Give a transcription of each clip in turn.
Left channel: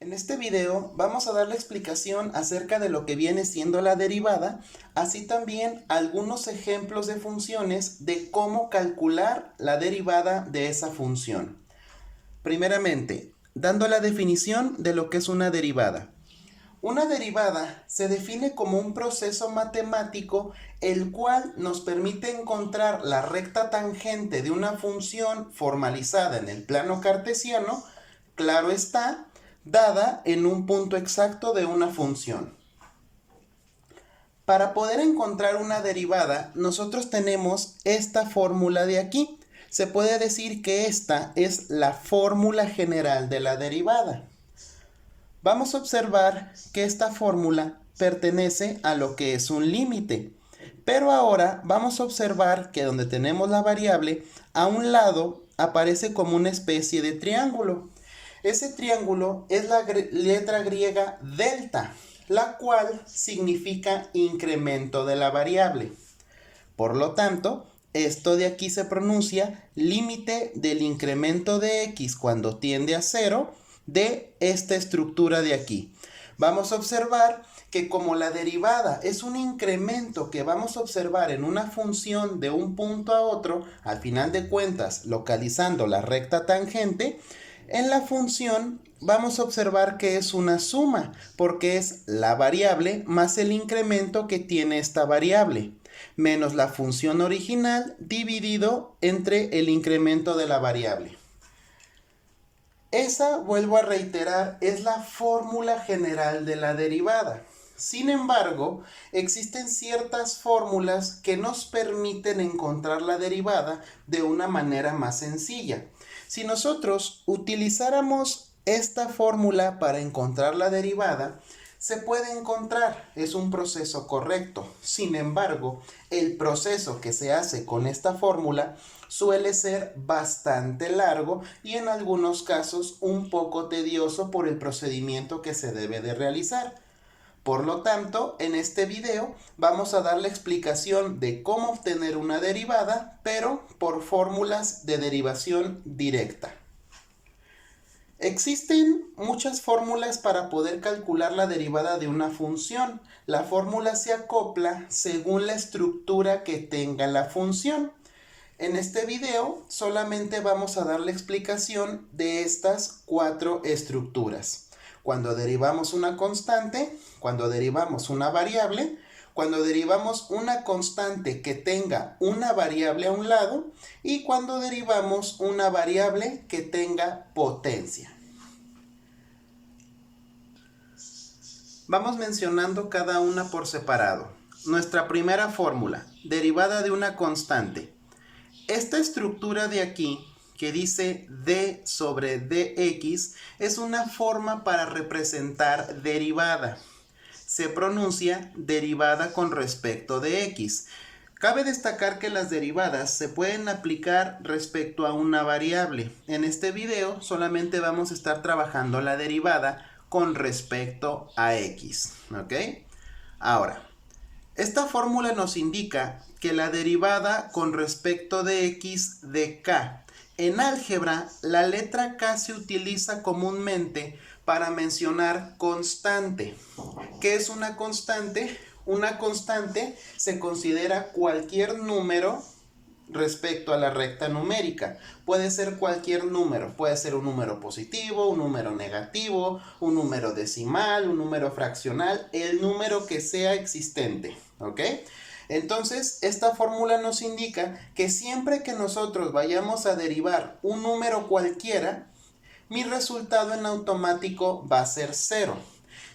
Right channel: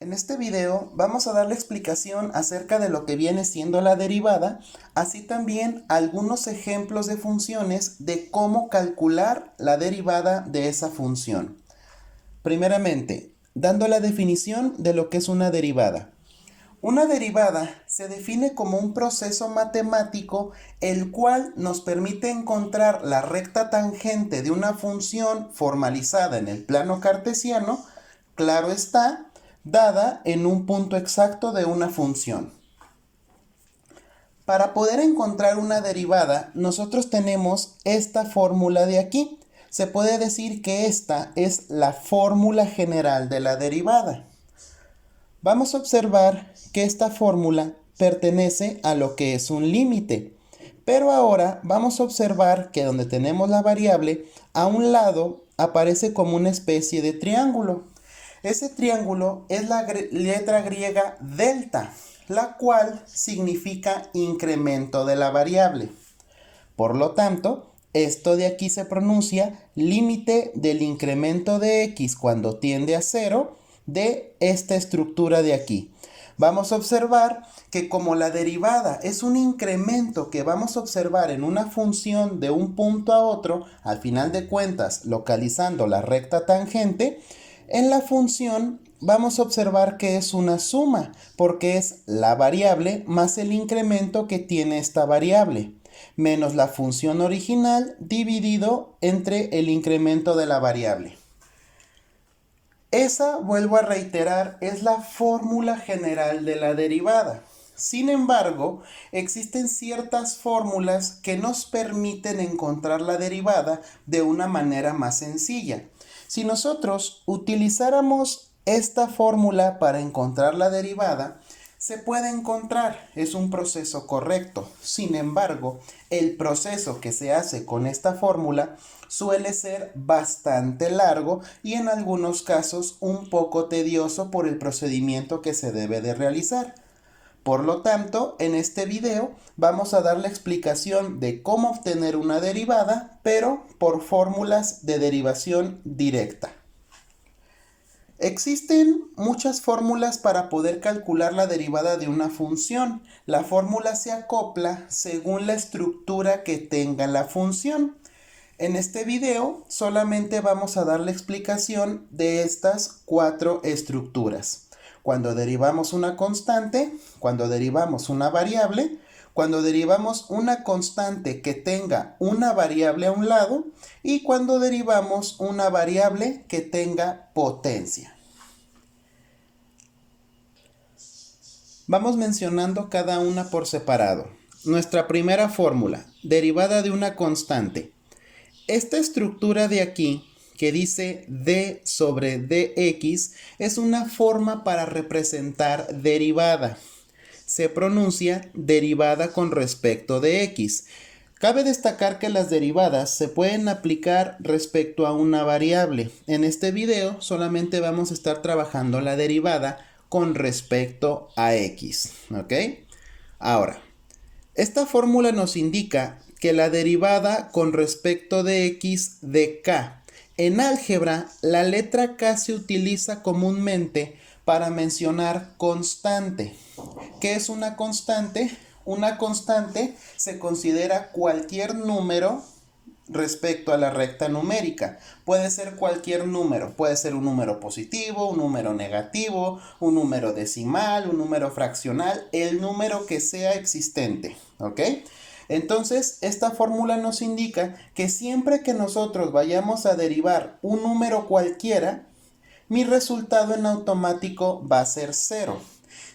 En este video vamos a dar la explicación acerca de lo que viene siendo la derivada, así también algunos ejemplos de funciones de cómo calcular la derivada de esa función. Primeramente, dando la definición de lo que es una derivada. Una derivada se define como un proceso matemático el cual nos permite encontrar la recta tangente de una función formalizada en el plano cartesiano, claro está, dada en un punto exacto de una función. Para poder encontrar una derivada, nosotros tenemos esta fórmula de aquí. Se puede decir que esta es la fórmula general de la derivada. Vamos a observar que esta fórmula pertenece a lo que es un límite. Pero ahora vamos a observar que donde tenemos la variable, a un lado aparece como una especie de triángulo. Ese triángulo es la letra griega delta, la cual significa incremento de la variable. Por lo tanto, esto de aquí se pronuncia límite del incremento de x cuando tiende a 0 de esta estructura de aquí. Vamos a observar que como la derivada es un incremento que vamos a observar en una función de un punto a otro, al final de cuentas localizando la recta tangente, en la función vamos a observar que es una suma, porque es la variable más el incremento que tiene esta variable, menos la función original dividido entre el incremento de la variable. Esa, vuelvo a reiterar, es la fórmula general de la derivada. Sin embargo, existen ciertas fórmulas que nos permiten encontrar la derivada de una manera más sencilla. Si nosotros utilizáramos esta fórmula para encontrar la derivada, se puede encontrar, es un proceso correcto. Sin embargo, el proceso que se hace con esta fórmula suele ser bastante largo y en algunos casos un poco tedioso por el procedimiento que se debe de realizar. Por lo tanto, en este video vamos a dar la explicación de cómo obtener una derivada, pero por fórmulas de derivación directa. Existen muchas fórmulas para poder calcular la derivada de una función. La fórmula se acopla según la estructura que tenga la función. En este video solamente vamos a dar la explicación de estas 4 estructuras. Cuando derivamos una constante, cuando derivamos una variable, cuando derivamos una constante que tenga una variable a un lado y cuando derivamos una variable que tenga potencia. Vamos mencionando cada una por separado. Nuestra primera fórmula, derivada de una constante. Esta estructura de aquí, que dice d sobre dx, es una forma para representar derivada. Se pronuncia derivada con respecto de x. Cabe destacar que las derivadas se pueden aplicar respecto a una variable. En este video solamente vamos a estar trabajando la derivada con respecto a x. ¿Ok? Ahora, esta fórmula nos indica que la derivada con respecto de x de k. En álgebra, la letra k se utiliza comúnmente para mencionar constante. ¿Qué es una constante? Una constante se considera cualquier número respecto a la recta numérica. Puede ser cualquier número, puede ser un número positivo, un número negativo, un número decimal, un número fraccional, el número que sea existente, ¿ok? Entonces, esta fórmula nos indica que siempre que nosotros vayamos a derivar un número cualquiera, mi resultado en automático va a ser 0.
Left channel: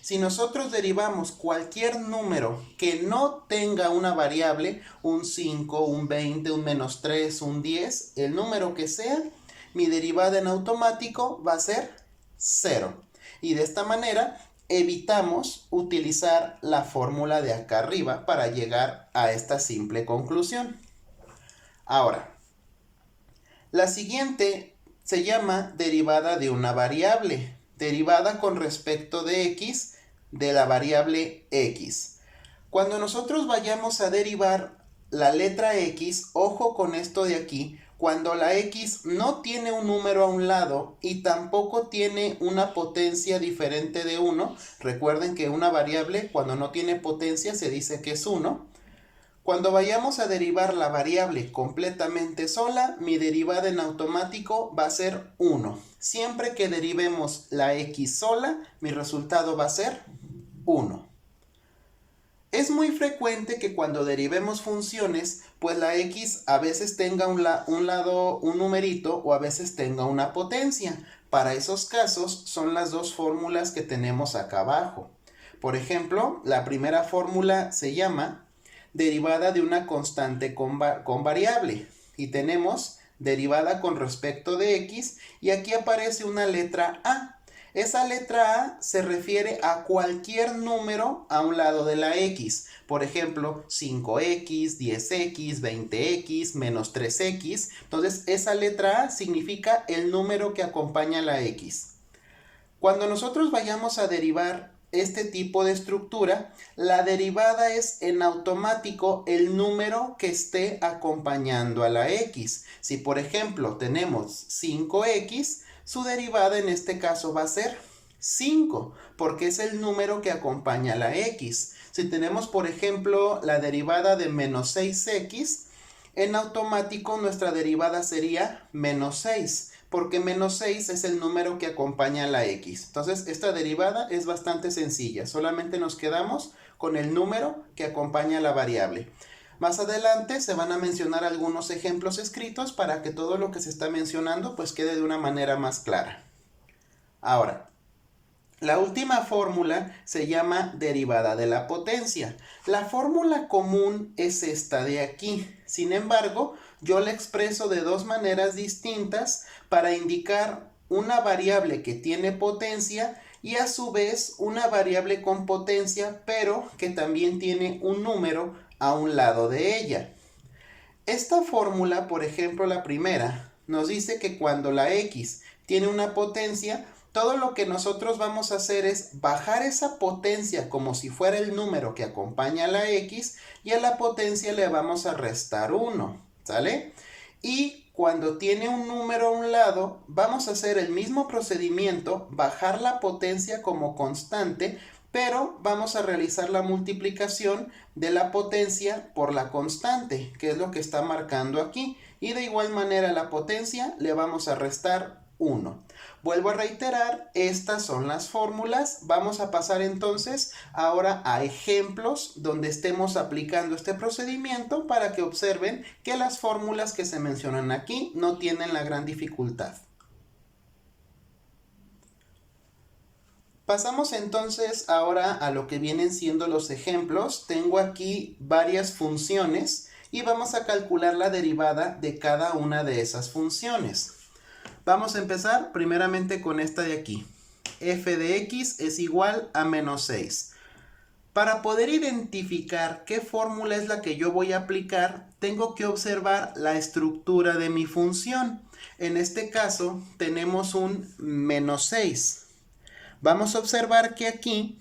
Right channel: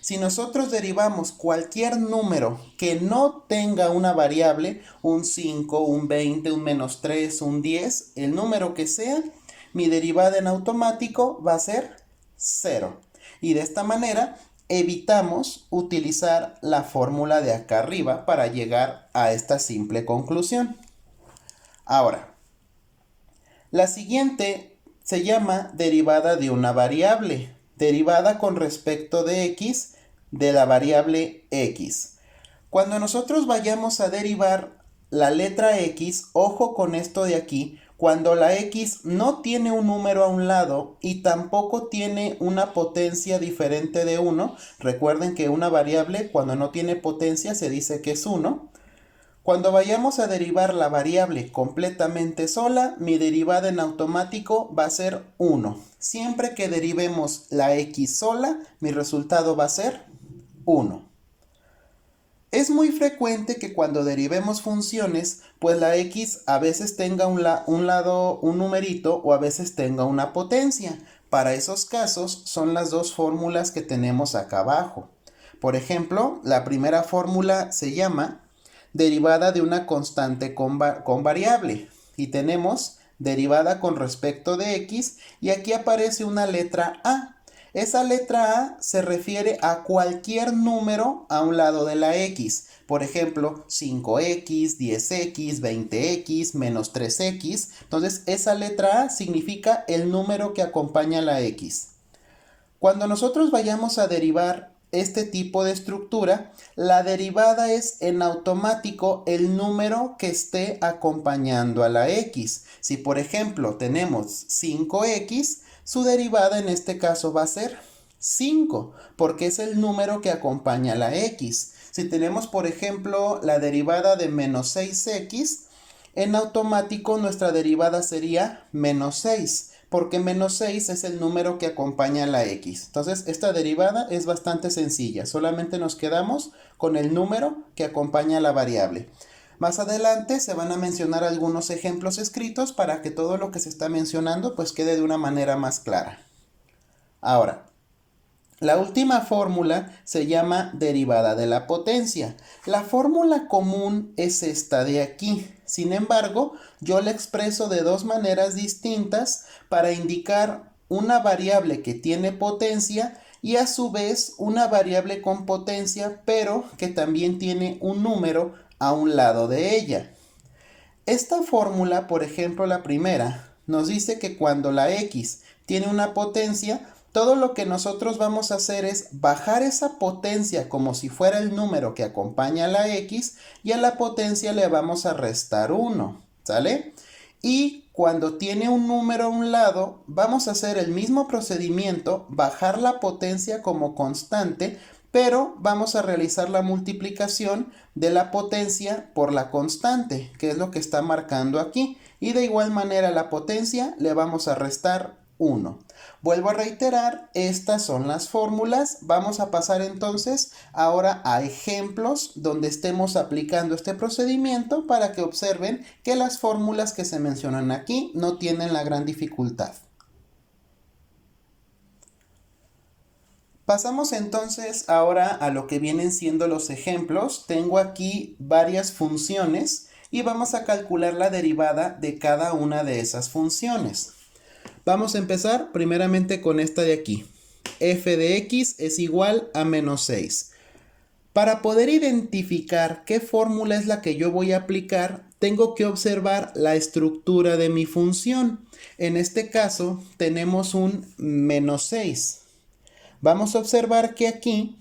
Si nosotros derivamos cualquier número que no tenga una variable, un 5, un 20, un -3, un 10, el número que sea, mi derivada en automático va a ser 0. Y de esta manera evitamos utilizar la fórmula de acá arriba para llegar a esta simple conclusión. Ahora, la siguiente se llama derivada de una variable, derivada con respecto de x de la variable x. Cuando nosotros vayamos a derivar la letra x, ojo con esto de aquí, cuando la x no tiene un número a un lado y tampoco tiene una potencia diferente de 1, recuerden que una variable cuando no tiene potencia se dice que es 1. Cuando vayamos a derivar la variable completamente sola, mi derivada en automático va a ser 1. Siempre que derivemos la x sola, mi resultado va a ser 1. Es muy frecuente que cuando derivemos funciones, pues la x a veces tenga un lado un numerito o a veces tenga una potencia. Para esos casos son las dos fórmulas que tenemos acá abajo. Por ejemplo, la primera fórmula se llama derivada de una constante con variable. Y tenemos derivada con respecto de x y aquí aparece una letra a. Esa letra a se refiere a cualquier número a un lado de la x. Por ejemplo, 5x, 10x, 20x, menos 3x. Entonces, esa letra a significa el número que acompaña la x. Cuando nosotros vayamos a derivar este tipo de estructura, la derivada es en automático el número que esté acompañando a la x. Si, por ejemplo, tenemos 5x, su derivada en este caso va a ser 5, porque es el número que acompaña a la x. Si tenemos, por ejemplo, la derivada de menos 6x, en automático nuestra derivada sería menos 6, porque menos 6 es el número que acompaña a la x. Entonces, esta derivada es bastante sencilla. Solamente nos quedamos con el número que acompaña a la variable. Más adelante se van a mencionar algunos ejemplos escritos para que todo lo que se está mencionando pues quede de una manera más clara. Ahora, la última fórmula se llama derivada de la potencia. La fórmula común es esta de aquí. Sin embargo, yo la expreso de dos maneras distintas para indicar una variable que tiene potencia y a su vez una variable con potencia, pero que también tiene un número a un lado de ella. Esta fórmula, por ejemplo, la primera, nos dice que cuando la x tiene una potencia, todo lo que nosotros vamos a hacer es bajar esa potencia como si fuera el número que acompaña a la x y a la potencia le vamos a restar 1, ¿sale? Y cuando tiene un número a un lado, vamos a hacer el mismo procedimiento, bajar la potencia como constante, pero vamos a realizar la multiplicación de la potencia por la constante, que es lo que está marcando aquí. Y de igual manera a la potencia le vamos a restar 1. Vuelvo a reiterar, estas son las fórmulas. Vamos a pasar entonces ahora a ejemplos donde estemos aplicando este procedimiento para que observen que las fórmulas que se mencionan aquí no tienen la gran dificultad. Pasamos entonces ahora a lo que vienen siendo los ejemplos. Tengo aquí varias funciones y vamos a calcular la derivada de cada una de esas funciones. Vamos a empezar primeramente con esta de aquí. F de x es igual a menos 6. Para poder identificar qué fórmula es la que yo voy a aplicar, tengo que observar la estructura de mi función. En este caso tenemos un menos 6. Vamos a observar que aquí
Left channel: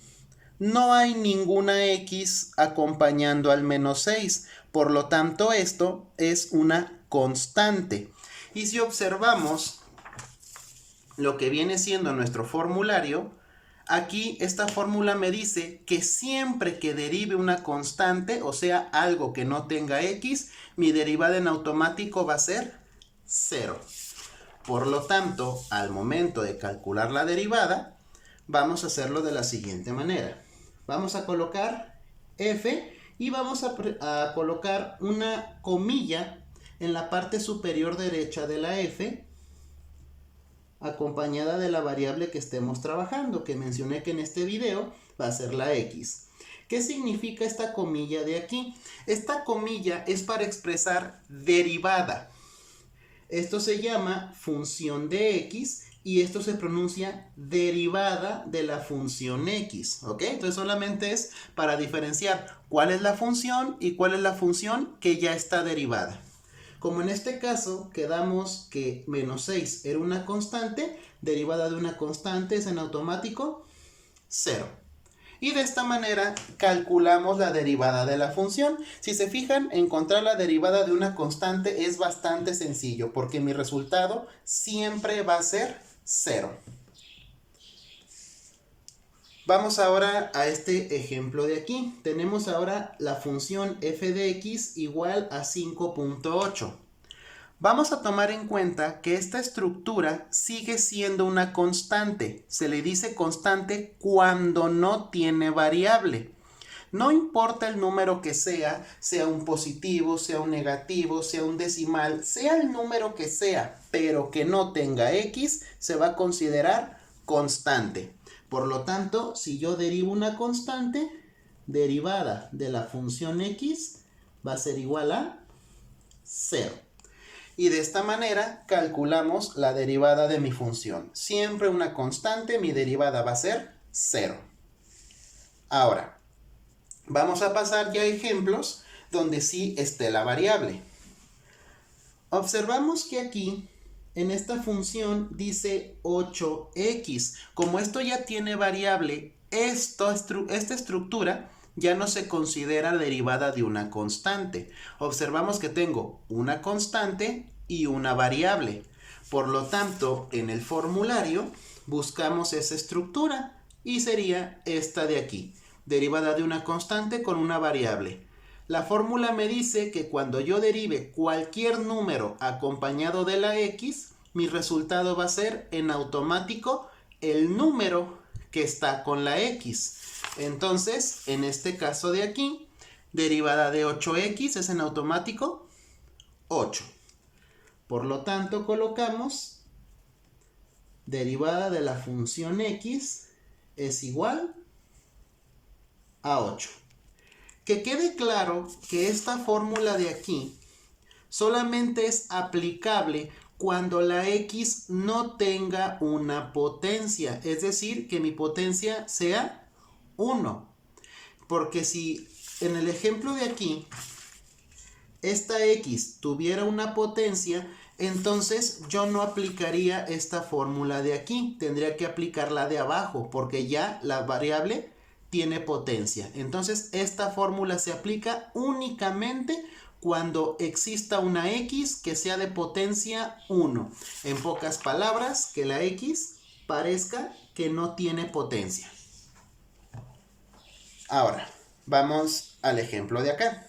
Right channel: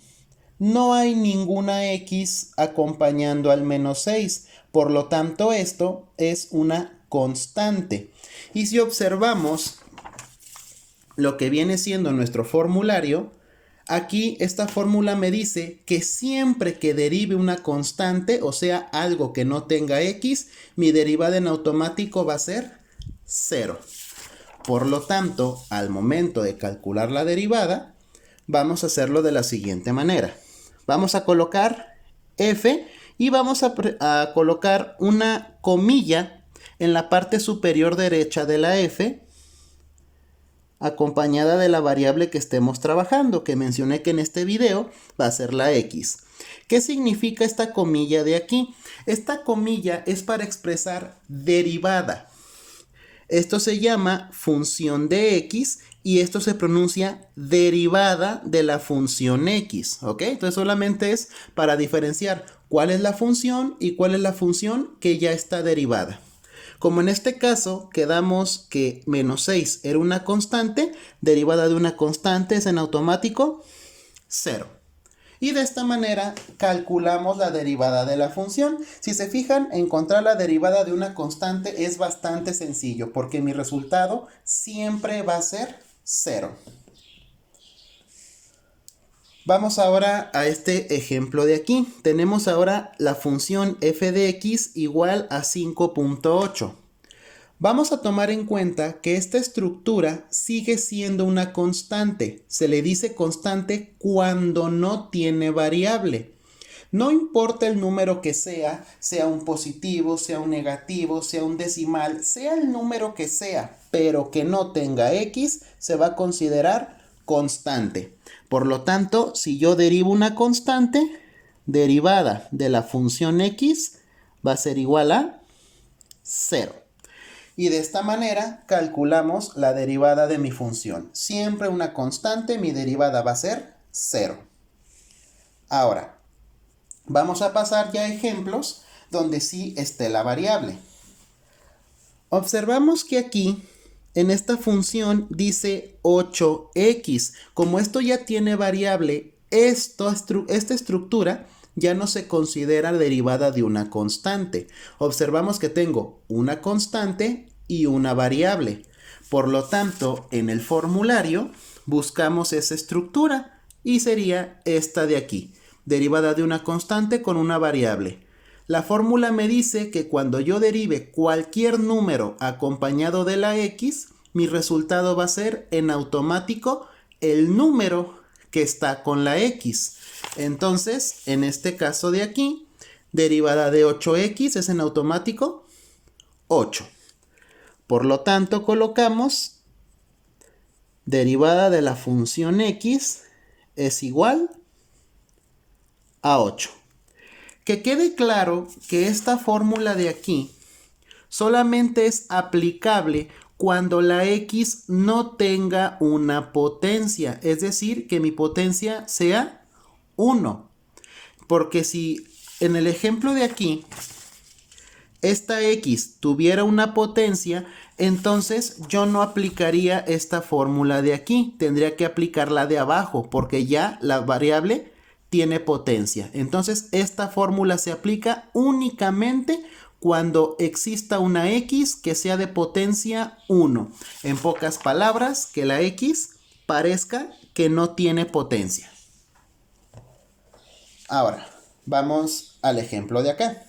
no hay ninguna x acompañando al menos 6. Por lo tanto, esto es una constante. Y si observamos lo que viene siendo nuestro formulario, aquí esta fórmula me dice que siempre que derive una constante, o sea, algo que no tenga x, mi derivada en automático va a ser 0. Por lo tanto, al momento de calcular la derivada, vamos a hacerlo de la siguiente manera. Vamos a colocar f y vamos a colocar una comilla en la parte superior derecha de la f, acompañada de la variable que estemos trabajando, que mencioné que en este video va a ser la x. ¿Qué significa esta comilla de aquí? Esta comilla es para expresar derivada. Esto se llama función de x y esto se pronuncia derivada de la función x, ¿ok? Entonces solamente es para diferenciar cuál es la función y cuál es la función que ya está derivada. Como en este caso quedamos que menos 6 era una constante, derivada de una constante es en automático 0. Y de esta manera calculamos la derivada de la función. Si se fijan, encontrar la derivada de una constante es bastante sencillo porque mi resultado siempre va a ser 0. Vamos ahora a este ejemplo de aquí. Tenemos ahora la función f de x igual a 5.8. Vamos a tomar en cuenta que esta estructura sigue siendo una constante. Se le dice constante cuando no tiene variable. No importa el número que sea un positivo, sea un negativo, sea un decimal, sea el número que sea, pero que no tenga x, se va a considerar constante. Por lo tanto, si yo derivo una constante, derivada de la función x va a ser igual a 0. Y de esta manera calculamos la derivada de mi función. Siempre una constante, mi derivada va a ser 0. Ahora, vamos a pasar ya a ejemplos donde sí esté la variable. Observamos que aquí, en esta función, dice 8x. Como esto ya tiene variable, esta estructura ya no se considera derivada de una constante. Observamos que tengo una constante y una variable. Por lo tanto, en el formulario buscamos esa estructura y sería esta de aquí, derivada de una constante con una variable. La fórmula me dice que cuando yo derive cualquier número acompañado de la x, mi resultado va a ser en automático el número que está con la x. Entonces, en este caso de aquí, derivada de 8x es en automático 8. Por lo tanto, colocamos derivada de la función x es igual a 8. Que quede claro que esta fórmula de aquí solamente es aplicable cuando la x no tenga una potencia, es decir, que mi potencia sea 1. Porque si en el ejemplo de aquí esta x tuviera una potencia, entonces yo no aplicaría esta fórmula de aquí, tendría que aplicar la de abajo porque ya la variable tiene potencia. Entonces esta fórmula se aplica únicamente cuando exista una x que sea de potencia 1. En pocas palabras, que la x parezca que no tiene potencia. Ahora, vamos al ejemplo de acá.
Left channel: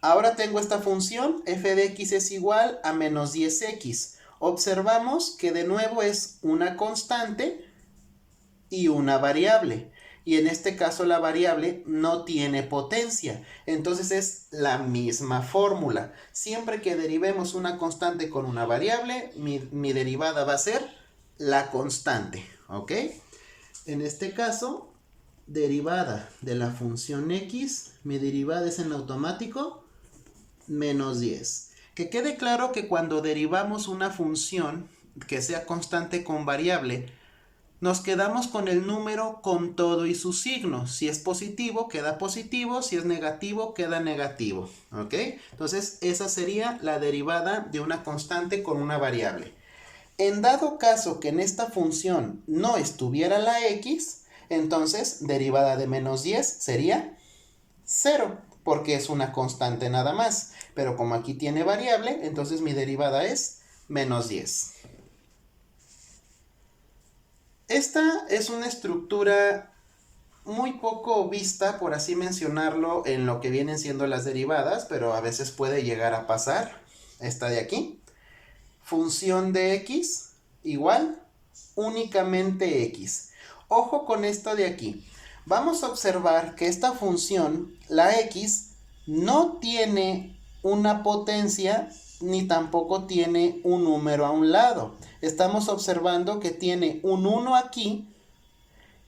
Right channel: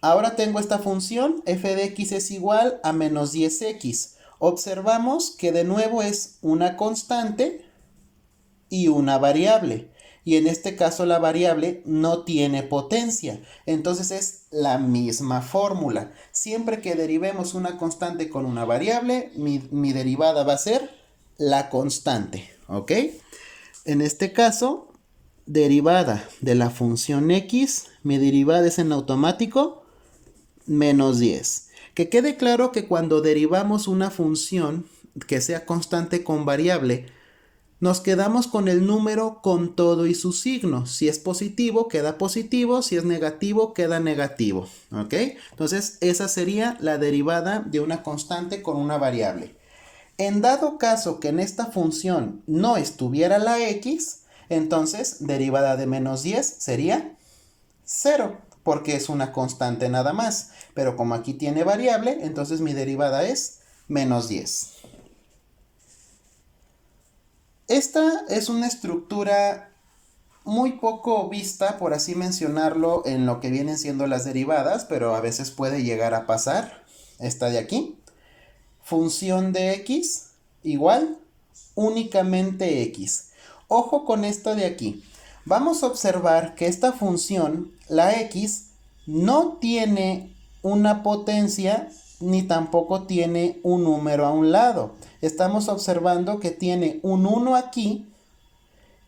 Ahora tengo esta función, f de x es igual a menos 10x. Observamos que de nuevo es una constante y una variable. Y en este caso la variable no tiene potencia. Entonces es la misma fórmula. Siempre que derivemos una constante con una variable, mi derivada va a ser la constante. ¿Ok? En este caso, derivada de la función x, mi derivada es en automático menos 10. Que quede claro que cuando derivamos una función que sea constante con variable, nos quedamos con el número con todo y su signo. Si es positivo, queda positivo. Si es negativo, queda negativo. ¿Ok? Entonces, esa sería la derivada de una constante con una variable. En dado caso que en esta función no estuviera la x, entonces derivada de menos 10 sería 0, porque es una constante nada más. Pero como aquí tiene variable, entonces mi derivada es menos 10. Esta es una estructura muy poco vista, por así mencionarlo, en lo que vienen siendo las derivadas, pero a veces puede llegar a pasar. Esta de aquí. Función de x igual únicamente x. Ojo con esto de aquí. Vamos a observar que esta función, la x, no tiene una potencia ni tampoco tiene un número a un lado. Estamos observando que tiene un 1 aquí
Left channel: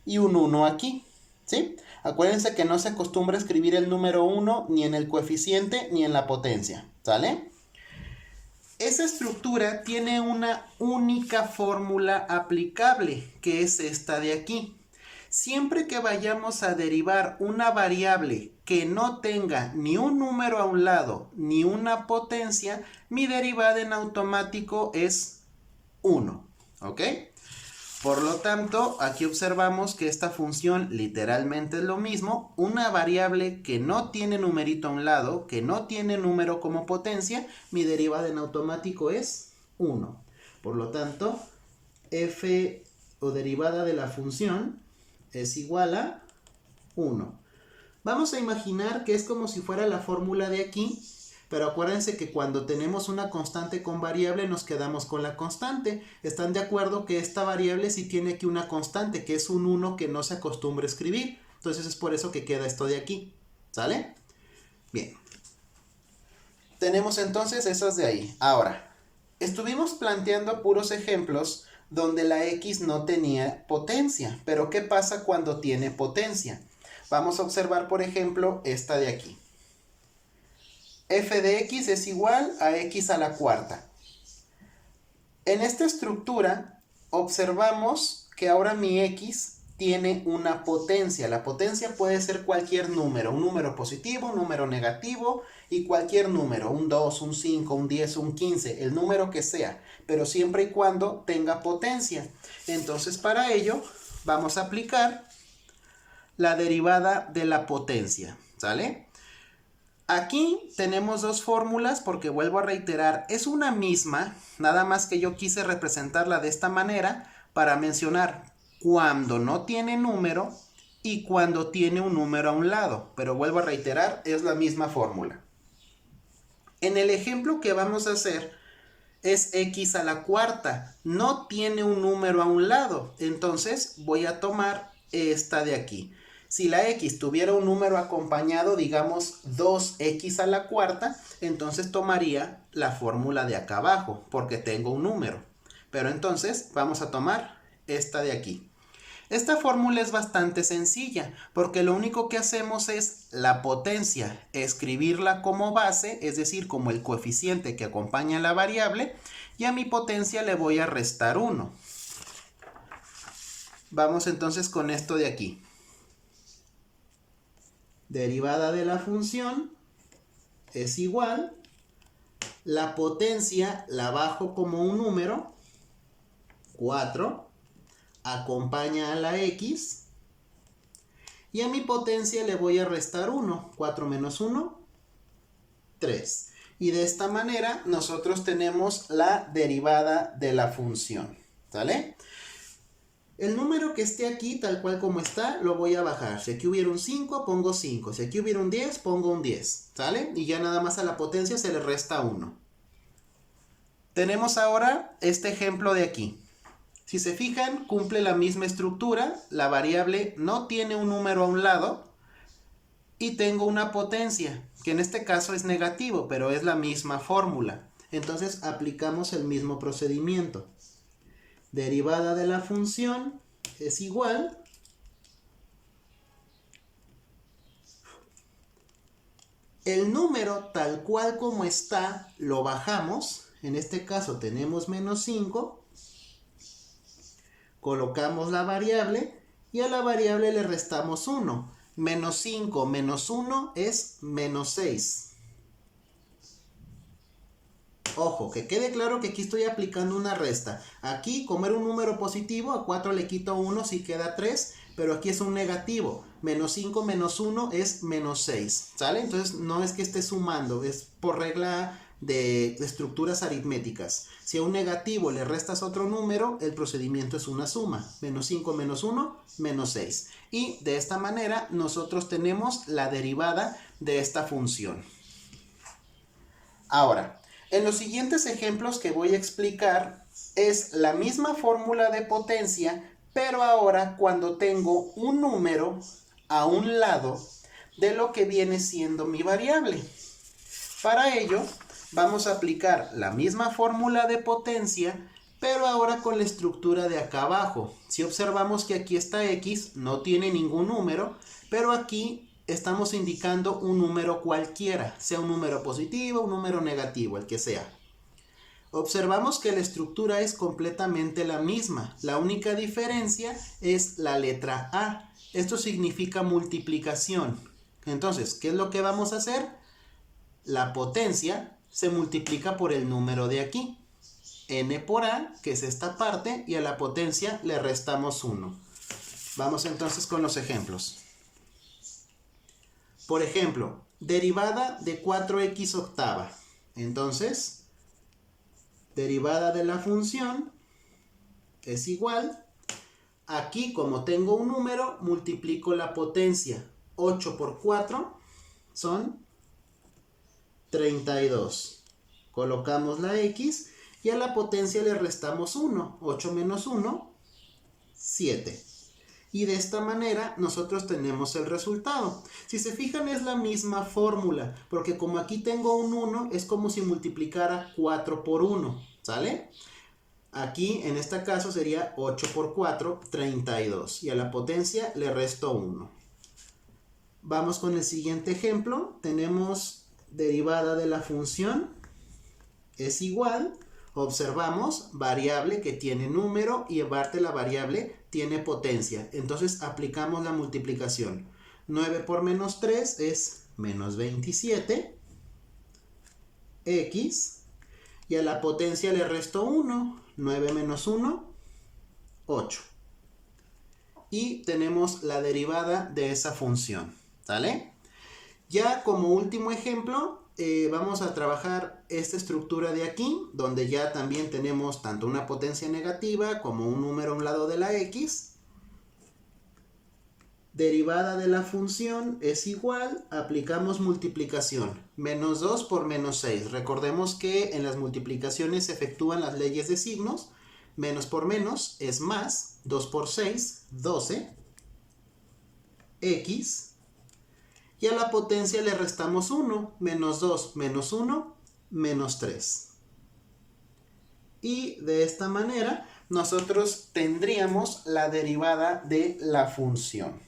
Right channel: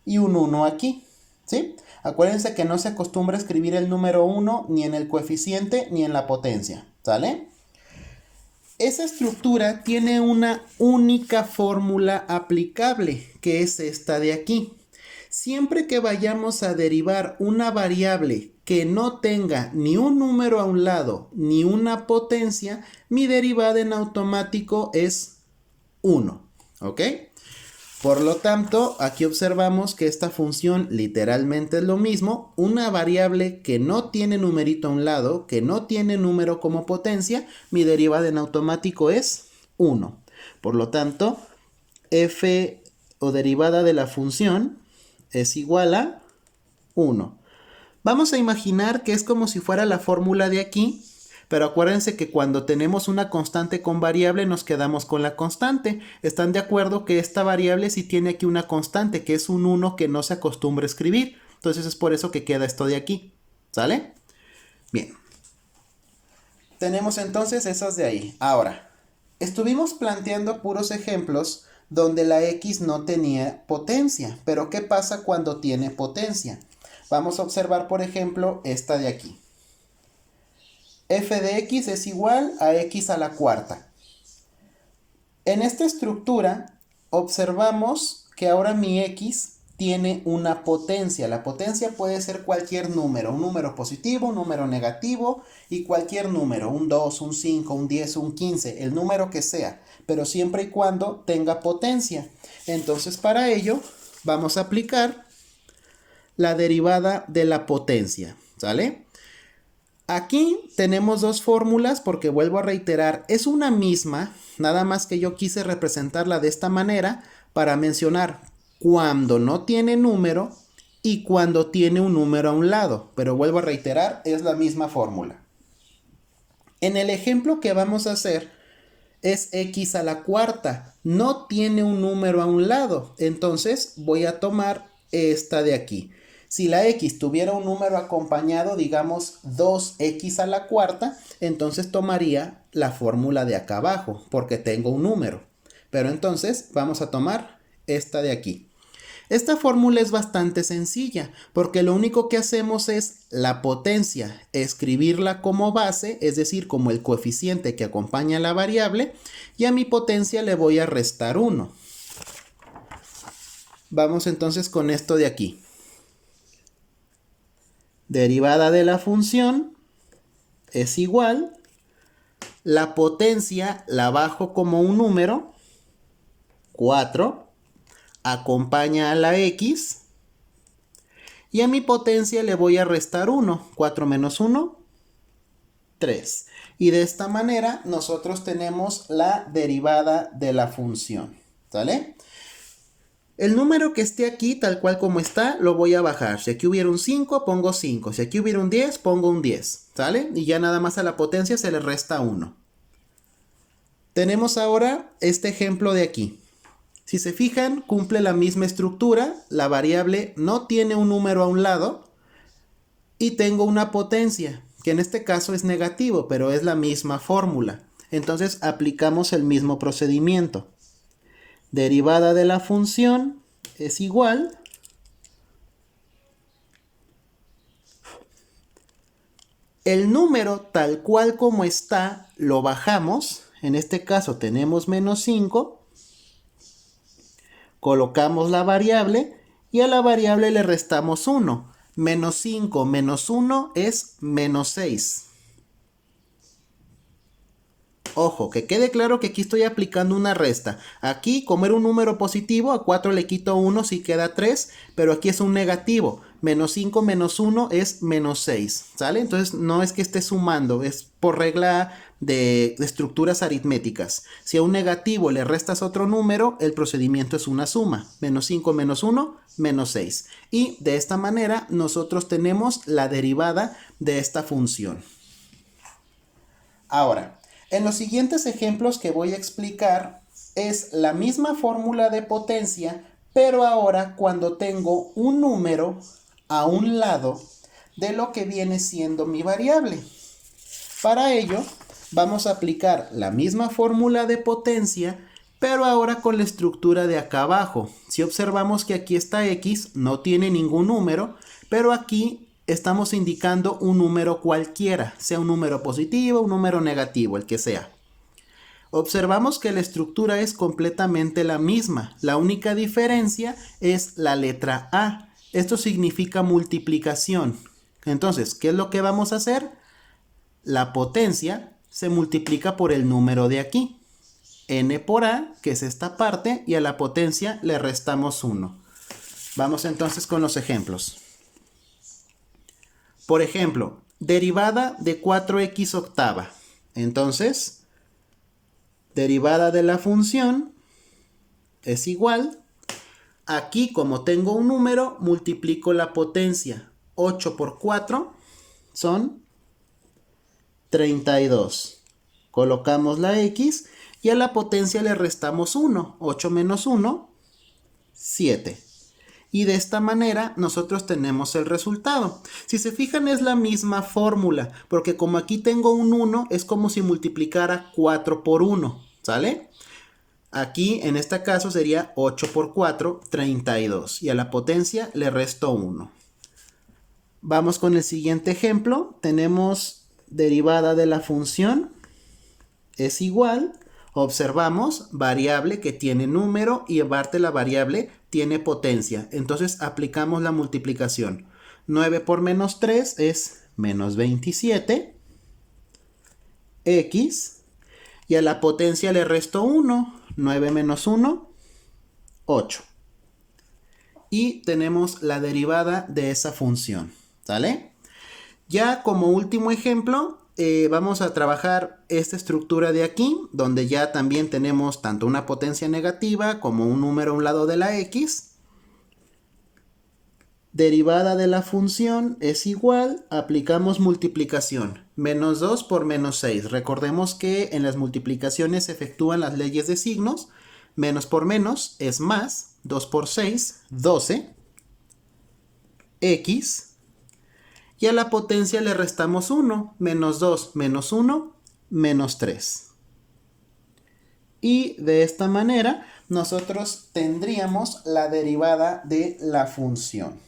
y un 1 aquí, ¿sí? Acuérdense que no se acostumbra a escribir el número 1 ni en el coeficiente ni en la potencia, ¿sale? Esa estructura tiene una única fórmula aplicable, que es esta de aquí. Siempre que vayamos a derivar una variable que no tenga ni un número a un lado ni una potencia, mi derivada en automático es 1. ¿Ok? Por lo tanto, aquí observamos que esta función literalmente es lo mismo, una variable que no tiene numerito a un lado, que no tiene número como potencia, mi derivada en automático es 1. Por lo tanto, f o derivada de la función es igual a 1. Vamos a imaginar que es como si fuera la fórmula de aquí, pero acuérdense que cuando tenemos una constante con variable nos quedamos con la constante. ¿Están de acuerdo que esta variable sí tiene aquí una constante, que es un 1 que no se acostumbra a escribir? Entonces es por eso que queda esto de aquí. ¿Sale? Bien. Tenemos entonces esas de ahí. Ahora, estuvimos planteando puros ejemplos donde la x no tenía potencia. Pero ¿qué pasa cuando tiene potencia? Vamos a observar, por ejemplo, esta de aquí. F de x es igual a x a la cuarta. En esta estructura observamos que ahora mi x tiene una potencia. La potencia puede ser cualquier número, un número positivo, un número negativo y cualquier número, un 2, un 5, un 10, un 15, el número que sea, pero siempre y cuando tenga potencia. Entonces para ello vamos a aplicar la derivada de la potencia, ¿sale? Aquí tenemos dos fórmulas porque vuelvo a reiterar, es una misma, nada más que yo quise representarla de esta manera para mencionar cuando no tiene número y cuando tiene un número a un lado, pero vuelvo a reiterar, es la misma fórmula. En el ejemplo que vamos a hacer es x a la cuarta, no tiene un número a un lado, entonces voy a tomar esta de aquí. Si la x tuviera un número acompañado, digamos 2x a la cuarta, entonces tomaría la fórmula de acá abajo, porque tengo un número. Pero entonces vamos a tomar esta de aquí. Esta fórmula es bastante sencilla, porque lo único que hacemos es la potencia, escribirla como base, es decir, como el coeficiente que acompaña a la variable, y a mi potencia le voy a restar 1. Vamos entonces con esto de aquí. Derivada de la función es igual, la potencia la bajo como un número, 4, acompaña a la x, y a mi potencia le voy a restar 1, 4 menos 1, 3. Y de esta manera nosotros tenemos la derivada de la función, ¿sale? El número que esté aquí, tal cual como está, lo voy a bajar. Si aquí hubiera un 5, pongo 5. Si aquí hubiera un 10, pongo un 10. ¿Sale? Y ya nada más a la potencia se le resta 1. Tenemos ahora este ejemplo de aquí. Si se fijan, cumple la misma estructura. La variable no tiene un número a un lado. Y tengo una potencia, que en este caso es negativo, pero es la misma fórmula. Entonces aplicamos el mismo procedimiento. Derivada de la función es igual el número tal cual como está lo bajamos, en este caso tenemos menos 5, colocamos la variable y a la variable le restamos 1, menos 5 menos 1 es menos 6. Ojo, que quede claro que aquí estoy aplicando una resta. Aquí, como era un número positivo, a 4 le quito 1, sí queda 3, pero aquí es un negativo. Menos 5 menos 1 es menos 6, ¿sale? Entonces no es que esté sumando, es por regla de estructuras aritméticas. Si a un negativo le restas otro número, el procedimiento es una suma. Menos 5 menos 1, menos 6. Y de esta manera nosotros tenemos la derivada de esta función. Ahora, en los siguientes ejemplos que voy a explicar es la misma fórmula de potencia, pero ahora cuando tengo un número a un lado de lo que viene siendo mi variable. Para ello, vamos a aplicar la misma fórmula de potencia, pero ahora con la estructura de acá abajo. Si observamos que aquí está x, no tiene ningún número, pero aquí estamos indicando un número cualquiera, sea un número positivo, un número negativo, el que sea. Observamos que la estructura es completamente la misma. La única diferencia es la letra A. Esto significa multiplicación. Entonces, ¿qué es lo que vamos a hacer? La potencia se multiplica por el número de aquí. n por a, que es esta parte, y a la potencia le restamos 1. Vamos entonces con los ejemplos. Por ejemplo, derivada de 4x octava. Entonces, derivada de la función es igual. Aquí, como tengo un número, multiplico la potencia. 8 por 4 son 32. Colocamos la x y a la potencia le restamos 1. 8 menos 1, 7. Y de esta manera nosotros tenemos el resultado. Si se fijan, es la misma fórmula, porque como aquí tengo un 1, es como si multiplicara 4 por 1, ¿sale? Aquí, en este caso, sería 8 por 4, 32. Y a la potencia le resto 1. Vamos con el siguiente ejemplo. Tenemos derivada de la función es igual. Observamos variable que tiene número y aparte la variable tiene potencia. Entonces aplicamos la multiplicación. 9 por menos 3 es menos 27. X. Y a la potencia le resto 1. 9 menos 1, 8. Y tenemos la derivada de esa función. ¿Sale? Ya como último ejemplo, vamos a trabajar esta estructura de aquí, donde ya también tenemos tanto una potencia negativa como un número a un lado de la x. Derivada de la función es igual, aplicamos multiplicación. Menos 2 por menos 6. Recordemos que en las multiplicaciones se efectúan las leyes de signos. Menos por menos es más. 2 por 6, 12. X. Y a la potencia le restamos 1. Menos 2 menos 1, menos 3. Y de esta manera nosotros tendríamos la derivada de la función.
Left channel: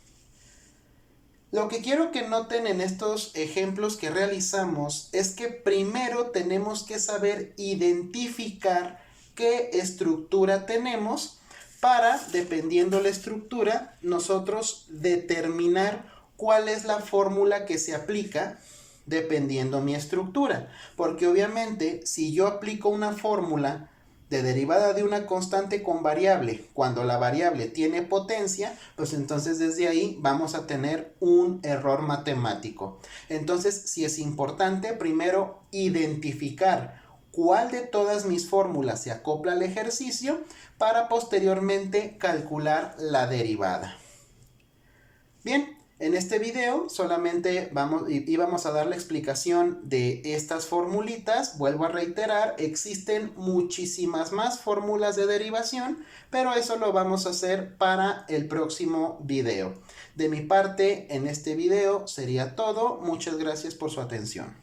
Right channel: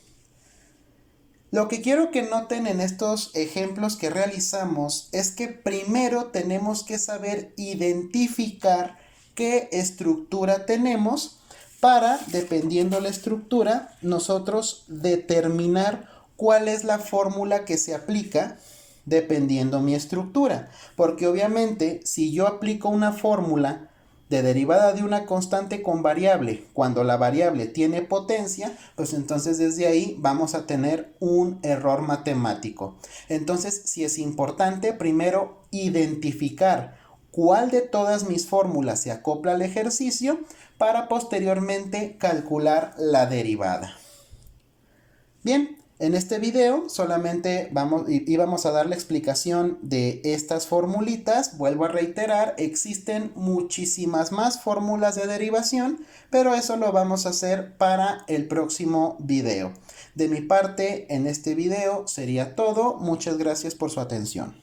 Lo que quiero que noten en estos ejemplos que realizamos es que primero tenemos que saber identificar qué estructura tenemos para, dependiendo la estructura, nosotros determinar cuál es la fórmula que se aplica dependiendo mi estructura. Porque obviamente si yo aplico una fórmula de derivada de una constante con variable, cuando la variable tiene potencia, pues entonces desde ahí vamos a tener un error matemático. Entonces sí es importante primero identificar cuál de todas mis fórmulas se acopla al ejercicio para posteriormente calcular la derivada. Bien. En este video solamente íbamos a dar la explicación de estas formulitas. Vuelvo a reiterar, existen muchísimas más fórmulas de derivación, pero eso lo vamos a hacer para el próximo video. De mi parte, en este video sería todo. Muchas gracias por su atención.